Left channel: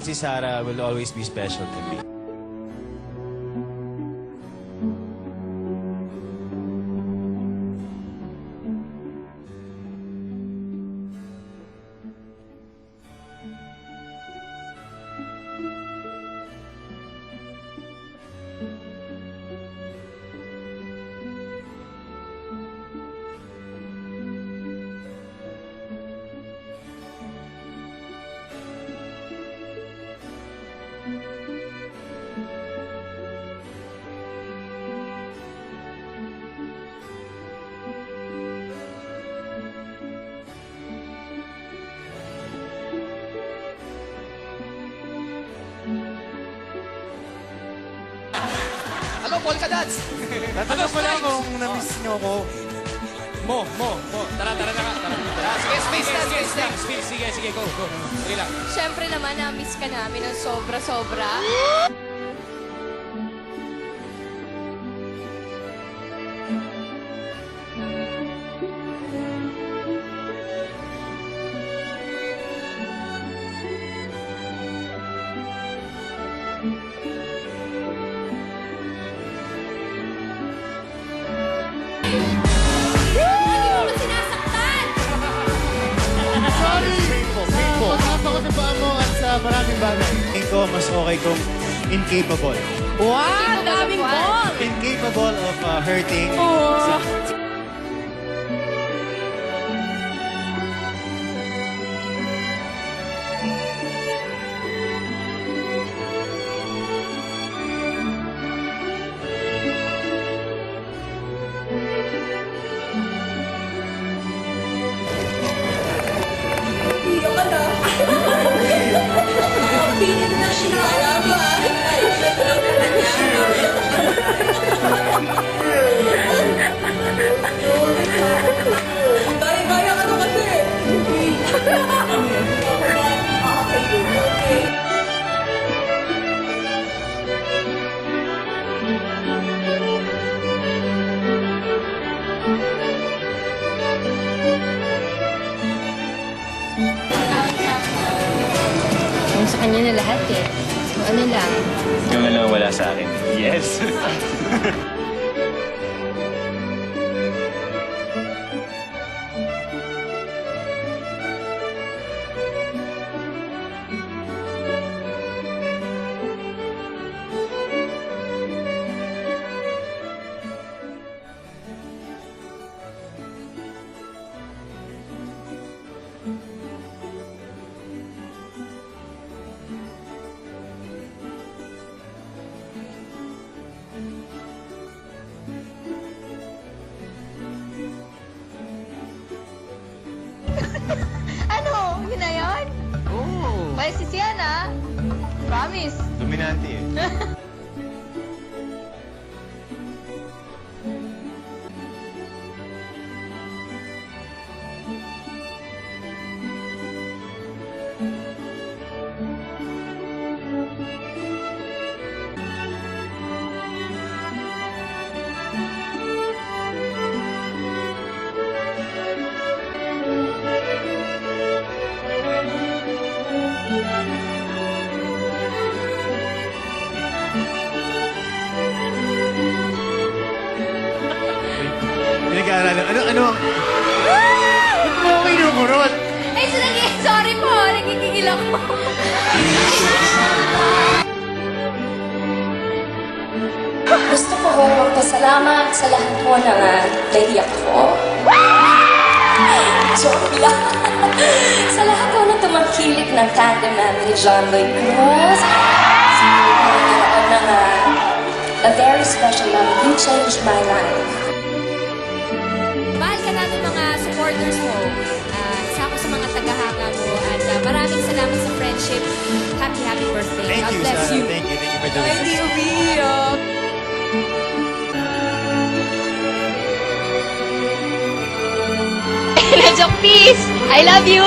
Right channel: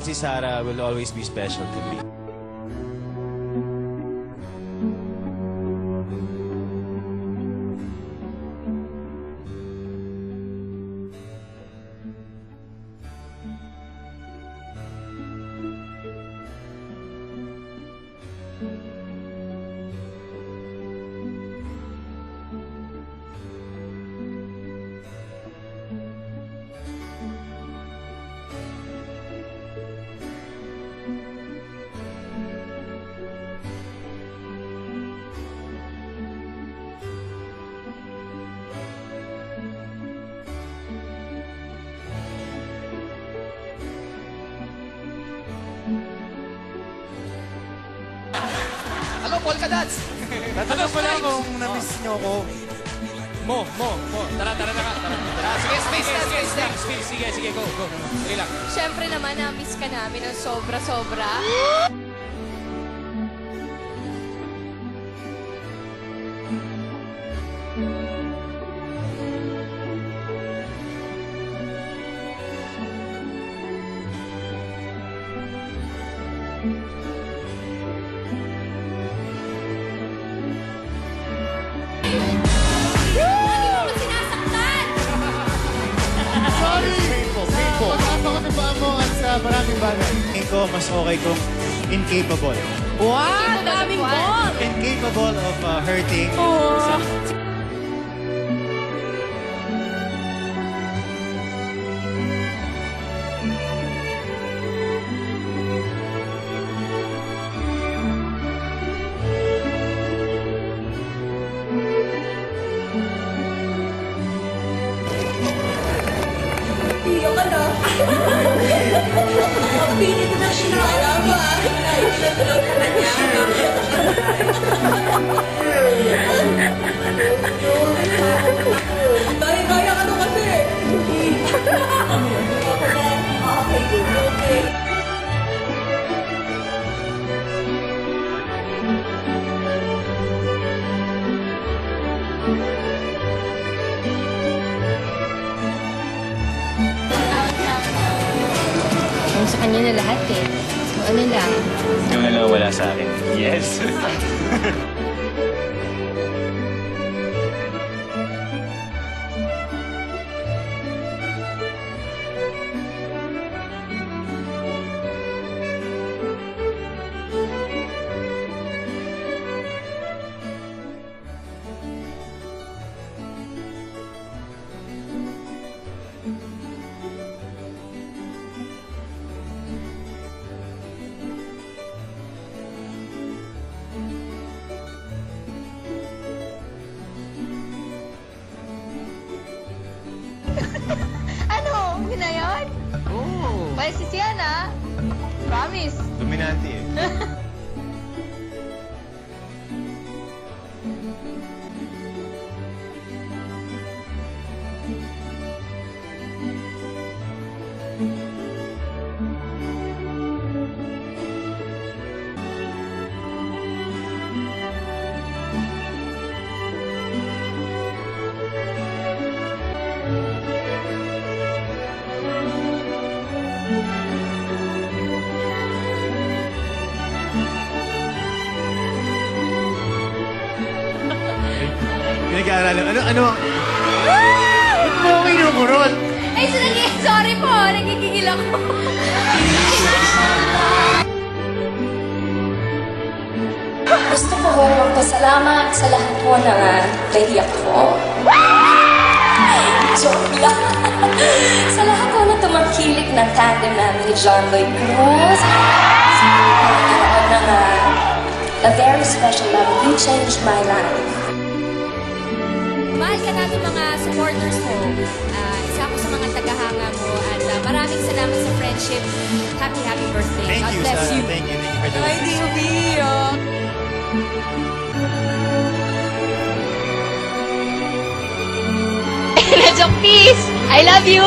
Si Sarah will always be special to me. Ano, polka dots? Tatanong ko lang kung na-miss niyo ako. Mo. Tara na nga. Tara. Sige, space na. Sige, go. Sige lang. Siyempre naman, na-miss ka namin ng sobra-sobra. Lagi mo ko sinasaktan! Sorry! Painful. Pag-asa ko sa paa mo at sa maraming bagay. Tingin ko, mas okay kung incapable. Wow! Daming ball! Incapable of hurting. Iyo ka na. Ang pinit na siya. Wala ba? Pinatulog ka kanya. Baya-baya ka na kasi. Okay. Ang sa kanya na lahat eh. So ano lang. Yung na lang wala sa akin. Yes. Ano? Yun na yun? Oo. Balik si Sienna. Promise. Dominante eh. Pinag-aaralan. Ano? Ba't mo ako inukurot? Ay, sorry po. Nagigigil ako. Gusto ko hong magpasalamat sa lahat po ng naiyak ko. Joke lang. Sa lahat po na tumangkilik ng tandem namin ni John Lloyd Cruz. Nagkaroon ng a very special love. You changed my life. Mahal ka namin mga supporters mo. Isa ako sa mga tagahanga mo. At maraming salamat sa friendship. Happy birthday. Thank God you, bless Sarah. you. Thank you for doing Ay, this. di umiyak. Medyo peace. I love you.